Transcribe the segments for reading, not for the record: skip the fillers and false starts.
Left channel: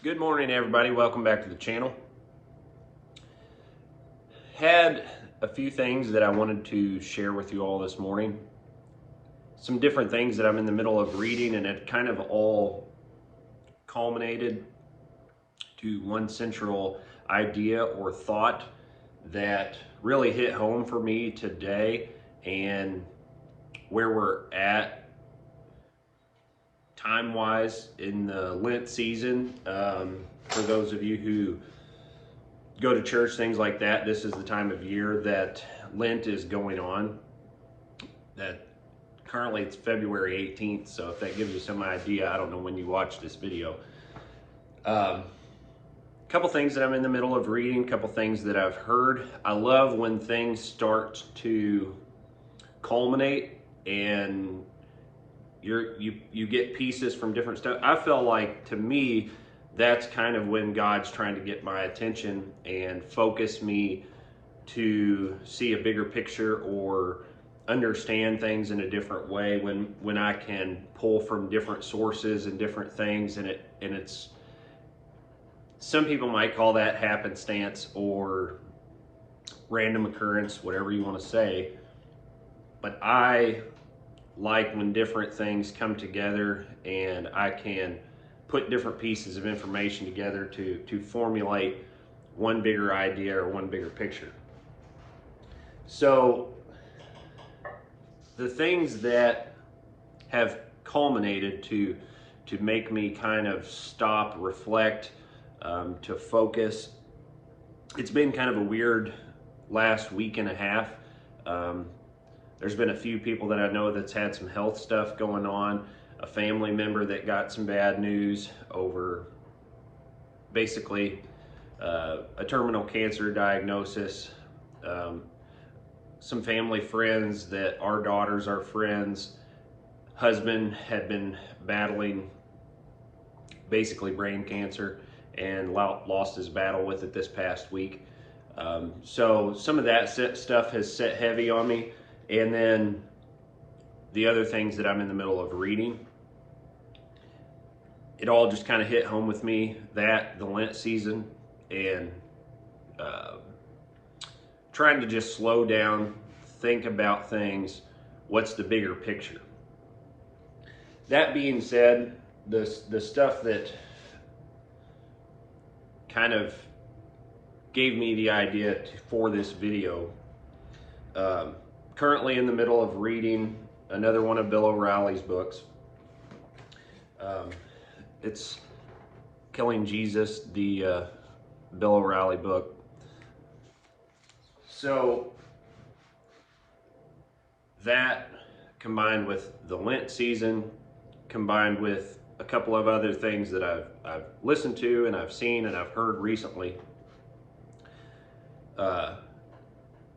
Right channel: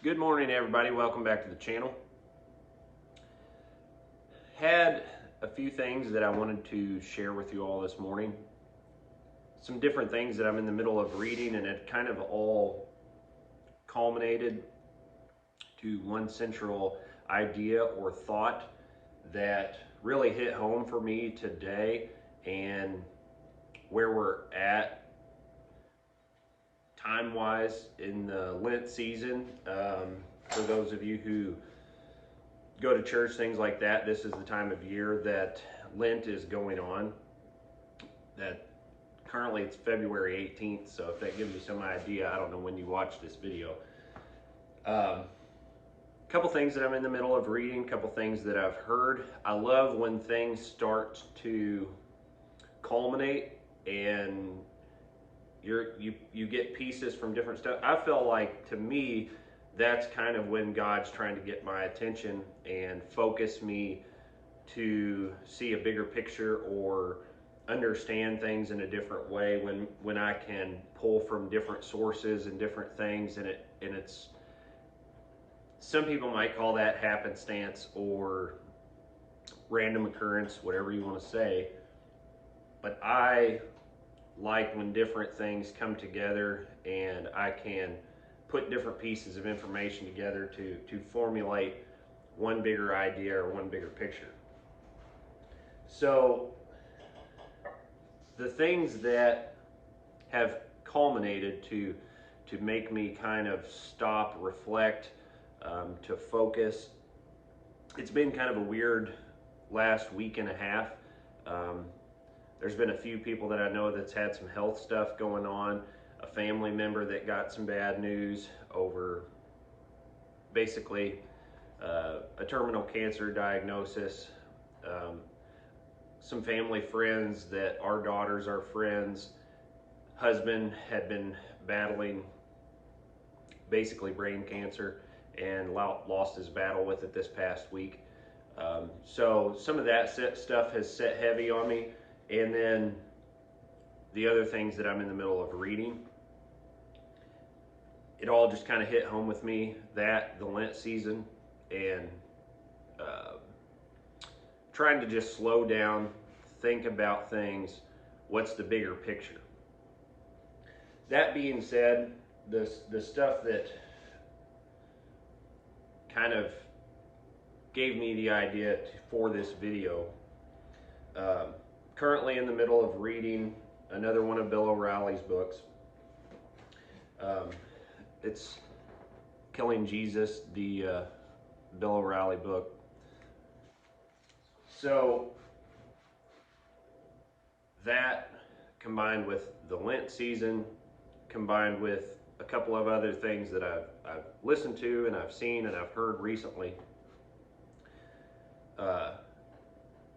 Good morning, everybody. Welcome back to the channel. Had a few things that I wanted to share with you all this morning. Some different things that I'm in the middle of reading, and it kind of all culminated to one central idea or thought that really hit home for me today and where we're at time-wise in the Lent season. For those of you who go to church, things like that, this is the time of year that Lent is going on. That currently it's February 18th, so if that gives you some idea, I don't know when you watch this video. Couple things that I'm in the middle of reading, couple things that I've heard. I love when things start to culminate and you get pieces from different stuff. I feel like, to me, that's kind of when God's trying to get my attention and focus me to see a bigger picture or understand things in a different way, when I can pull from different sources and different things, and it's, some people might call that happenstance or random occurrence, whatever you want to say, but I like when different things come together and I can put different pieces of information together to formulate one bigger idea or one bigger picture. So the things that have culminated to make me kind of stop, reflect, to focus. It's been kind of a weird last week and a half. There's been a few people that I know that's had some health stuff going on. A family member that got some bad news over basically a terminal cancer diagnosis. Some family friends that our daughters are friends. Husband had been battling basically brain cancer and lost his battle with it this past week. So some of that stuff has set heavy on me. And then the other things that I'm in the middle of reading, it all just kind of hit home with me, that the Lent season, and trying to just slow down, think about things. What's the bigger picture? That being said, the stuff that kind of gave me the idea for this video, currently in the middle of reading another one of Bill O'Reilly's books. It's Killing Jesus, the Bill O'Reilly book. So that, combined with the Lent season, combined with a couple of other things that I've listened to and I've seen and I've heard recently.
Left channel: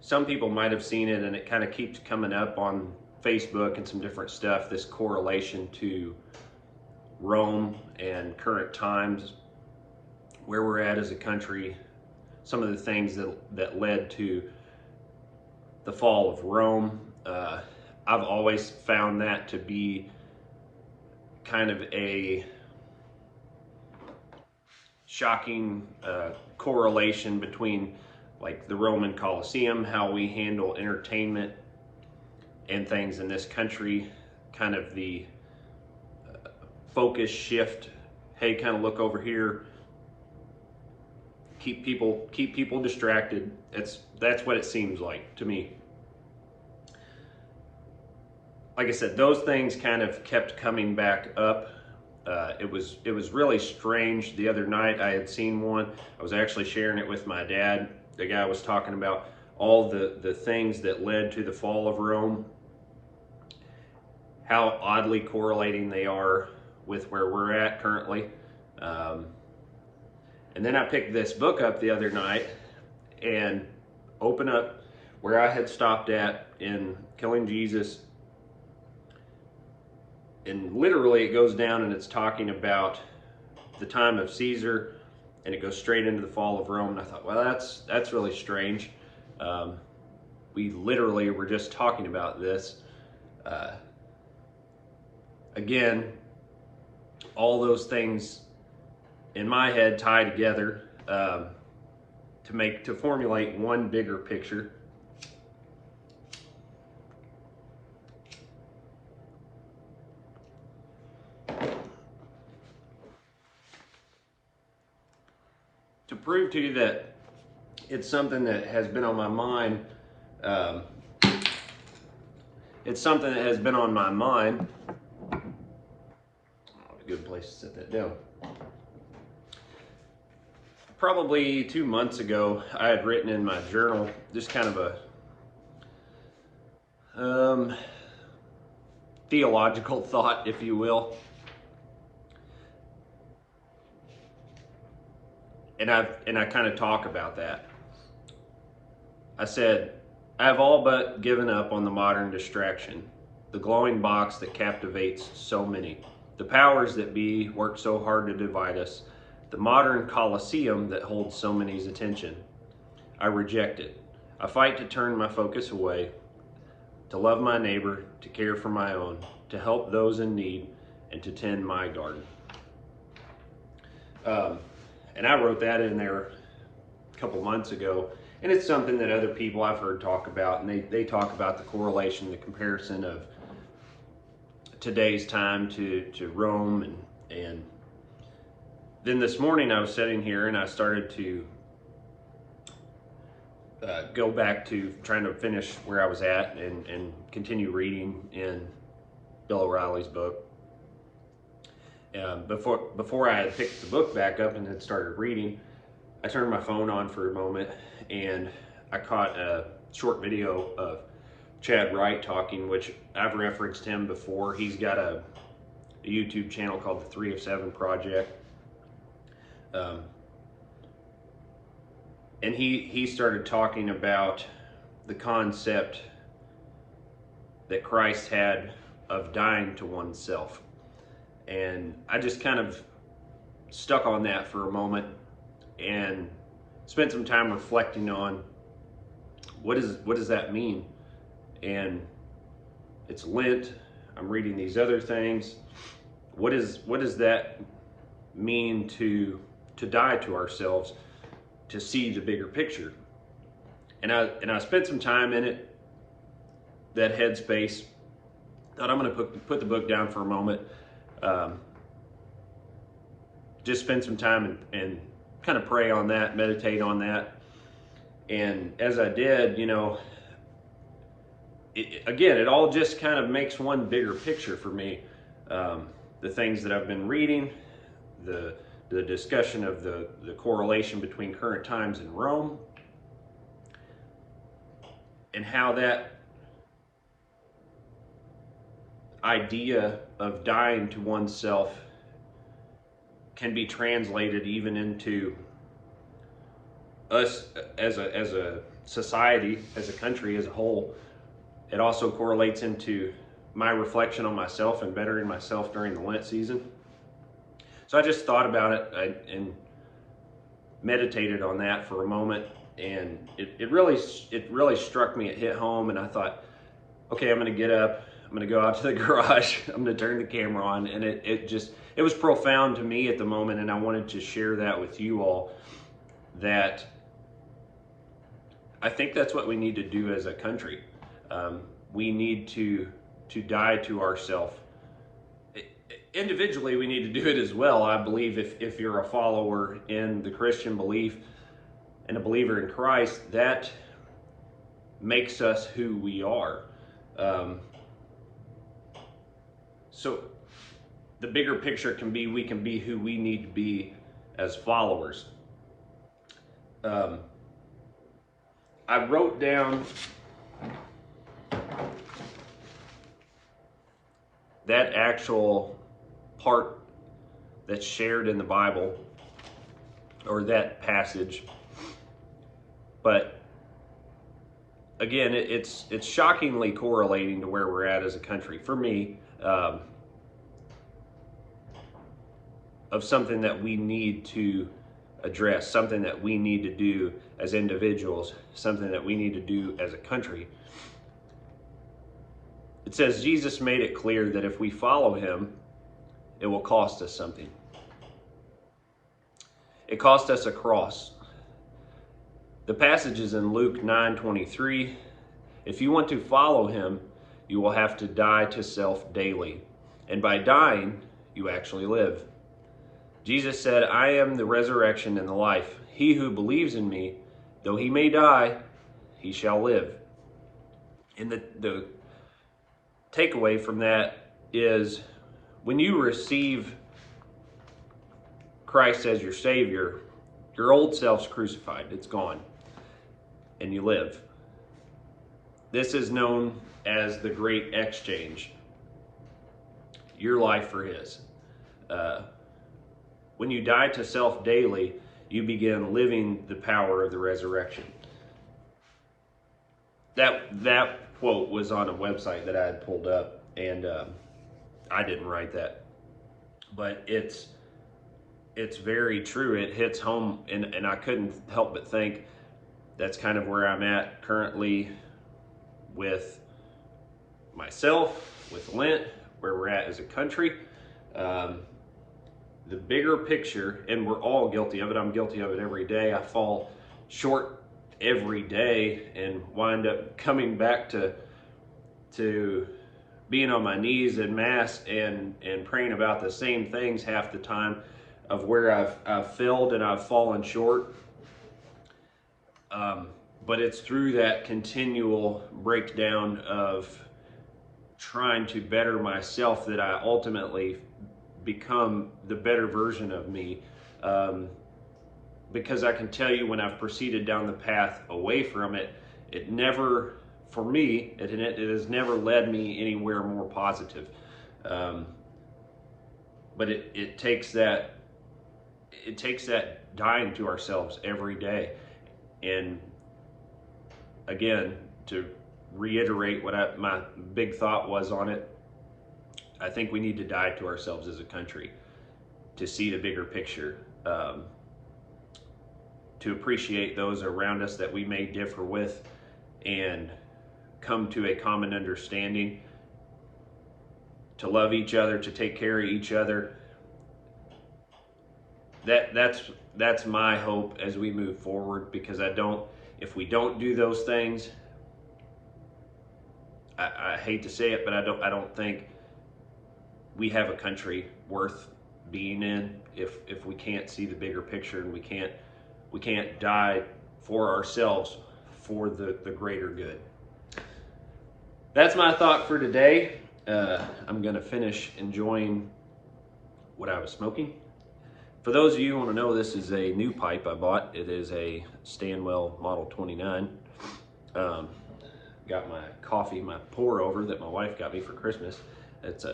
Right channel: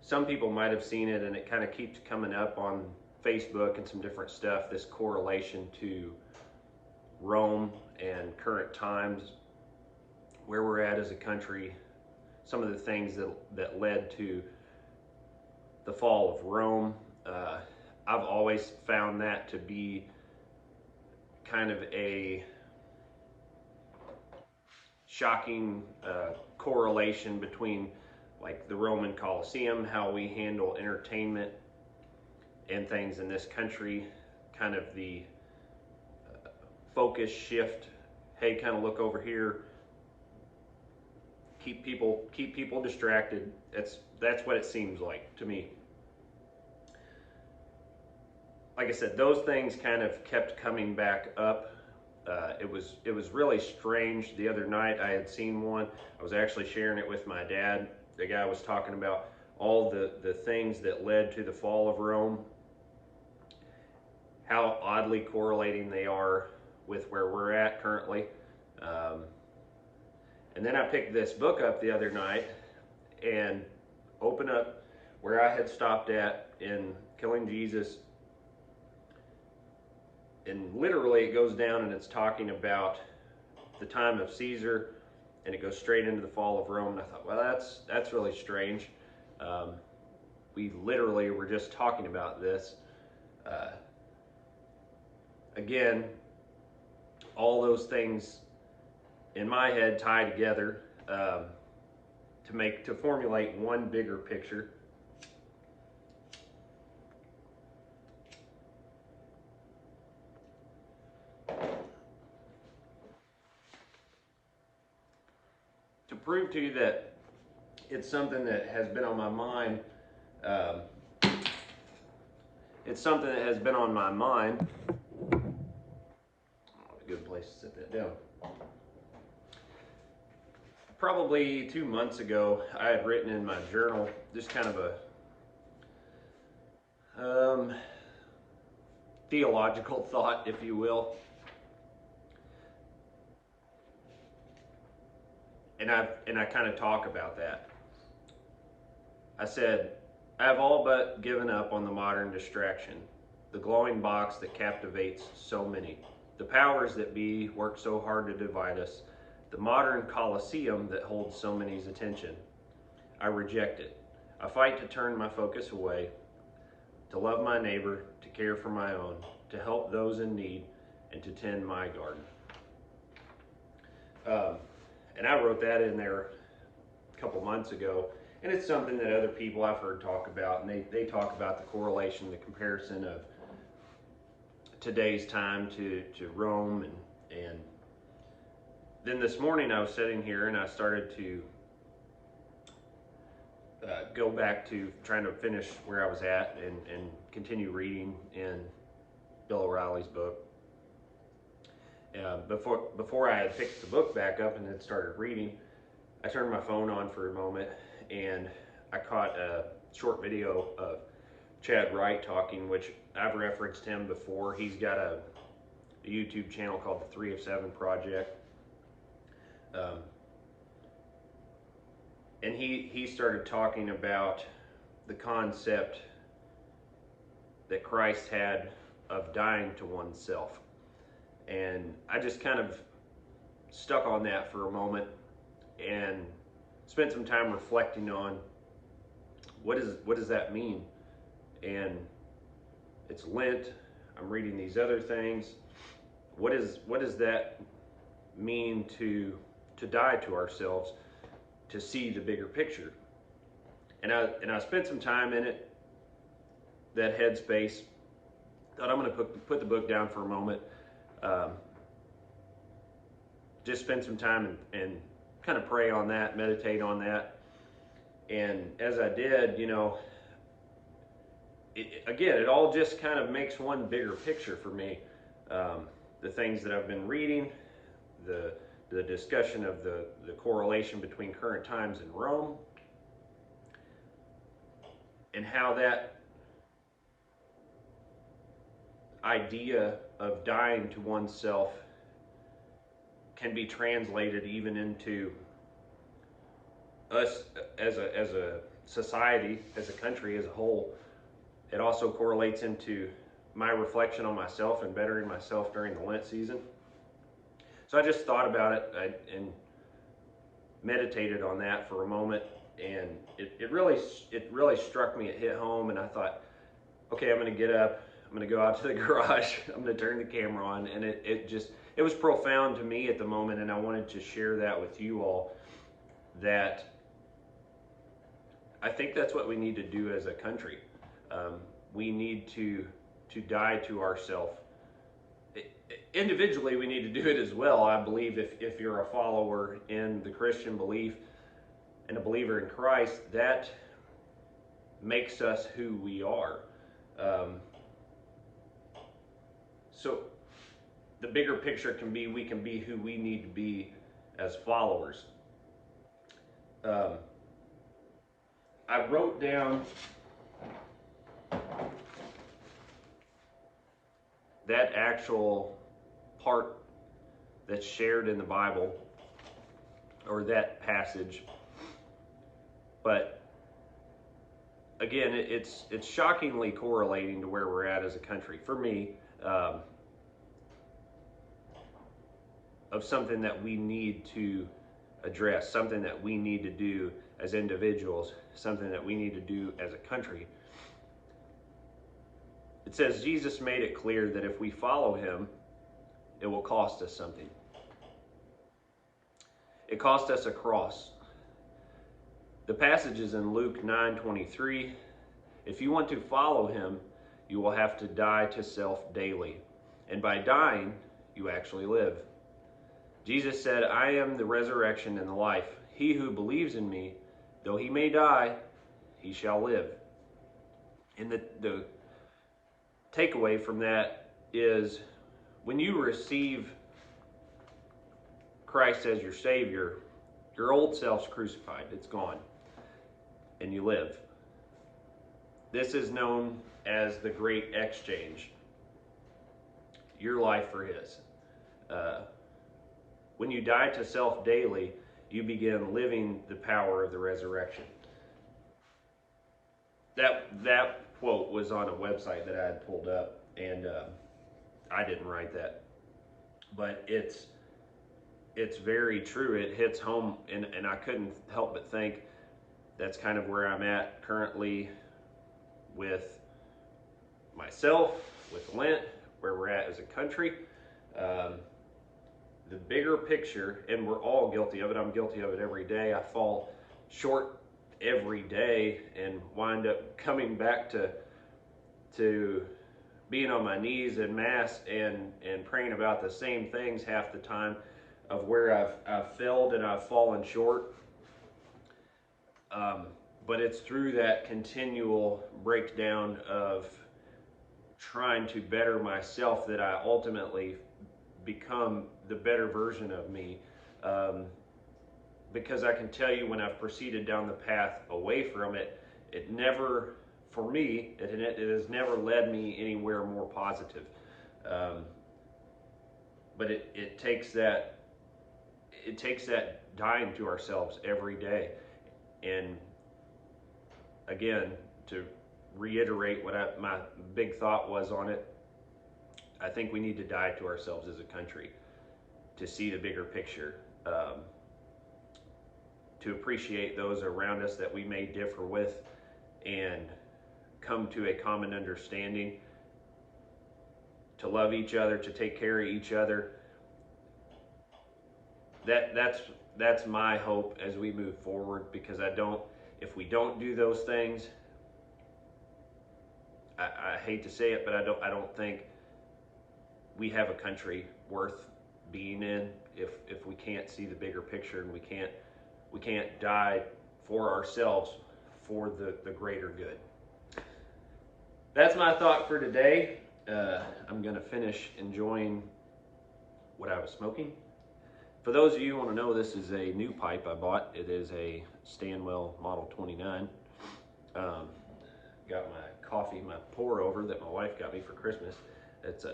Some people might have seen it, and it kind of keeps coming up on Facebook and some different stuff, this correlation to Rome and current times, where we're at as a country, some of the things that led to the fall of Rome. I've always found that to be kind of a shocking correlation between, like, the Roman Colosseum, how we handle entertainment and things in this country, kind of the focus shift. Hey, kind of look over here. Keep people distracted. That's what it seems like to me. Like I said, those things kind of kept coming back up. It was really strange. The other night I had seen one. I was actually sharing it with my dad. The guy was talking about all the things that led to the fall of Rome, how oddly correlating they are with where we're at currently. And then I picked this book up the other night and opened up where I had stopped at in Killing Jesus. And literally it goes down and it's talking about the time of Caesar, and it goes straight into the fall of Rome. And I thought, well, that's really strange. We literally were just talking about this. Again, all those things in my head, tie together to formulate one bigger picture. To prove to you that it's something that has been on my mind. It's something that has been on my mind. Oh, a good place to set that down. Probably 2 months ago, I had written in my journal just kind of a theological thought, if you will. And I kind of talk about that. I said, I have all but given up on the modern distraction, the glowing box that captivates so many. The powers that be work so hard to divide us, the modern coliseum that holds so many's attention. I reject it. I fight to turn my focus away, to love my neighbor, to care for my own, to help those in need, and to tend my garden. And I wrote that in there a couple months ago. And it's something that other people I've heard talk about, and they talk about the correlation, the comparison of today's time to Rome. And then this morning I was sitting here and I started to go back to trying to finish where I was at and continue reading in Bill O'Reilly's book. Before I had picked the book back up and had started reading, I turned my phone on for a moment and I caught a short video of Chad Wright talking, which I've referenced him before. He's got a YouTube channel called the 3 of 7 Project. And he started talking about the concept that Christ had of dying to oneself. And I just kind of stuck on that for a moment and spent some time reflecting on what does that mean? And it's Lent. I'm reading these other things. What does that mean to die to ourselves, to see the bigger picture? And I spent some time in it, that headspace. Thought I'm going to put the book down for a moment. Just spend some time and kind of pray on that, meditate on that. And as I did, it all just kind of makes one bigger picture for me. The things that I've been reading, the discussion of the correlation between current times in Rome, and how that idea of dying to oneself can be translated even into us as a society, as a country as a whole. It also correlates into my reflection on myself and bettering myself during the Lent season. So I just thought about it and meditated on that for a moment, and it really struck me. It hit home, and I thought, okay, I'm going to get up. I'm going to go out to the garage. I'm going to turn the camera on, and it was profound to me at the moment, and I wanted to share that with you all. That I think that's what we need to do as a country. We need to die to ourselves. Individually, we need to do it as well. I believe if you're a follower in the Christian belief and a believer in Christ, that makes us who we are. So the bigger picture can be, we can be who we need to be as followers. I wrote down that actual part that's shared in the Bible, or that passage, but again, it's shockingly correlating to where we're at as a country for me, of something that we need to address, something that we need to do as individuals, something that we need to do as a country. It says Jesus made it clear that if we follow him, it will cost us something. It cost us a cross. The passage is in Luke 9:23. If you want to follow him, you will have to die to self daily. And by dying, you actually live. Jesus said, I am the resurrection and the life. He who believes in me, though he may die, he shall live. And the takeaway from that is when you receive Christ as your Savior, your old self's crucified. It's gone. And you live. This is known as the great exchange. Your life for his. When you die to self daily, you begin living the power of the resurrection. That quote was on a website that I had pulled up, and I didn't write that. But it's very true. It hits home, and I couldn't help but think that's kind of where I'm at currently with myself, with Lent, where we're at as a country. The bigger picture, and we're all guilty of it. I'm guilty of it every day. I fall short every day and wind up coming back to being on my knees in mass and praying about the same things half the time of where I've failed and I've fallen short. But it's through that continual breakdown of trying to better myself that I ultimately become the better version of me. Because I can tell you, when I've proceeded down the path away from it, it never, for me, it has never led me anywhere more positive. But it takes that dying to ourselves every day. And again, to reiterate what my big thought was on it, I think we need to die to ourselves as a country to see the bigger picture, to appreciate those around us that we may differ with and come to a common understanding, to love each other, to take care of each other. That's my hope as we move forward, because if we don't do those things, I hate to say it, but I don't think we have a country worth being in if we can't see the bigger picture, and we can't die for ourselves for the greater good. That's my thought for today. I'm gonna finish enjoying what I was smoking. For those of you who want to know, this is a new pipe I bought. It is a Stanwell Model 29. Got my coffee, my pour over that my wife got me for Christmas. It's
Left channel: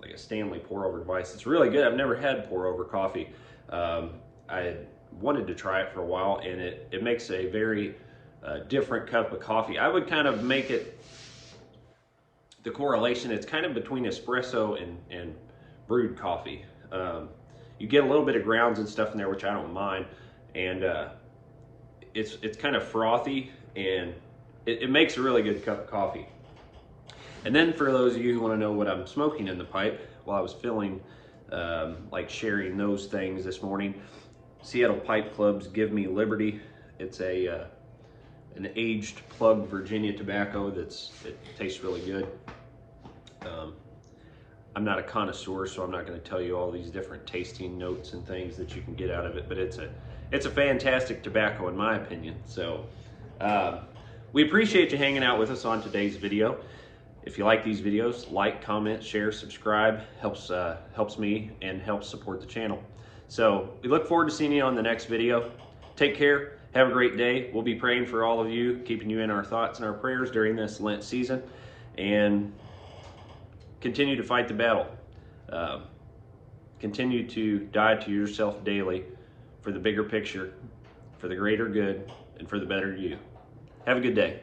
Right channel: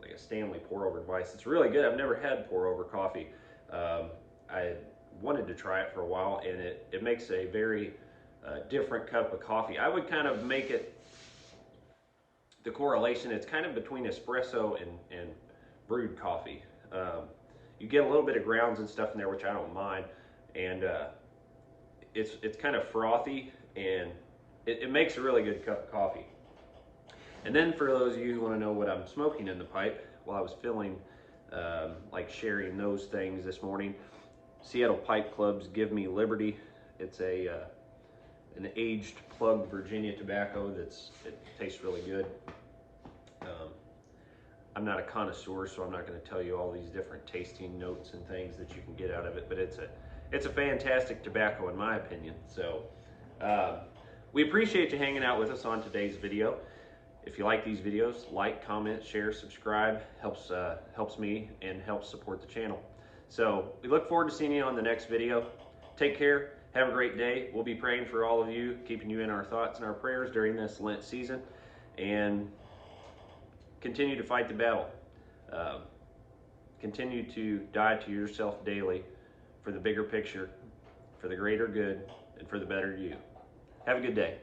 like a Stanley pour over device. It's really good. I've never had pour over coffee. I had wanted to try it for a while, and it makes a very different cup of coffee. I would kind of make it the correlation. It's kind of between espresso and brewed coffee. You get a little bit of grounds and stuff in there, which I don't mind, and it's kind of frothy, and it makes a really good cup of coffee. And then for those of you who want to know what I'm smoking in the pipe, while I was feeling like sharing those things this morning, Seattle Pipe Club's Give Me Liberty. It's an aged plug Virginia tobacco it tastes really good. I'm not a connoisseur, so I'm not going to tell you all these different tasting notes and things that you can get out of it, but it's a fantastic tobacco in my opinion. So we appreciate you hanging out with us on today's video. If you like these videos, like, comment, share, subscribe. Helps me and helps support the channel. So we look forward to seeing you on the next video. Take care. Have a great day. We'll be praying for all of you, keeping you in our thoughts and our prayers during this Lent season. And continue to fight the battle. Continue to die to yourself daily for the bigger picture, for the greater good, and for the better you. Have a good day.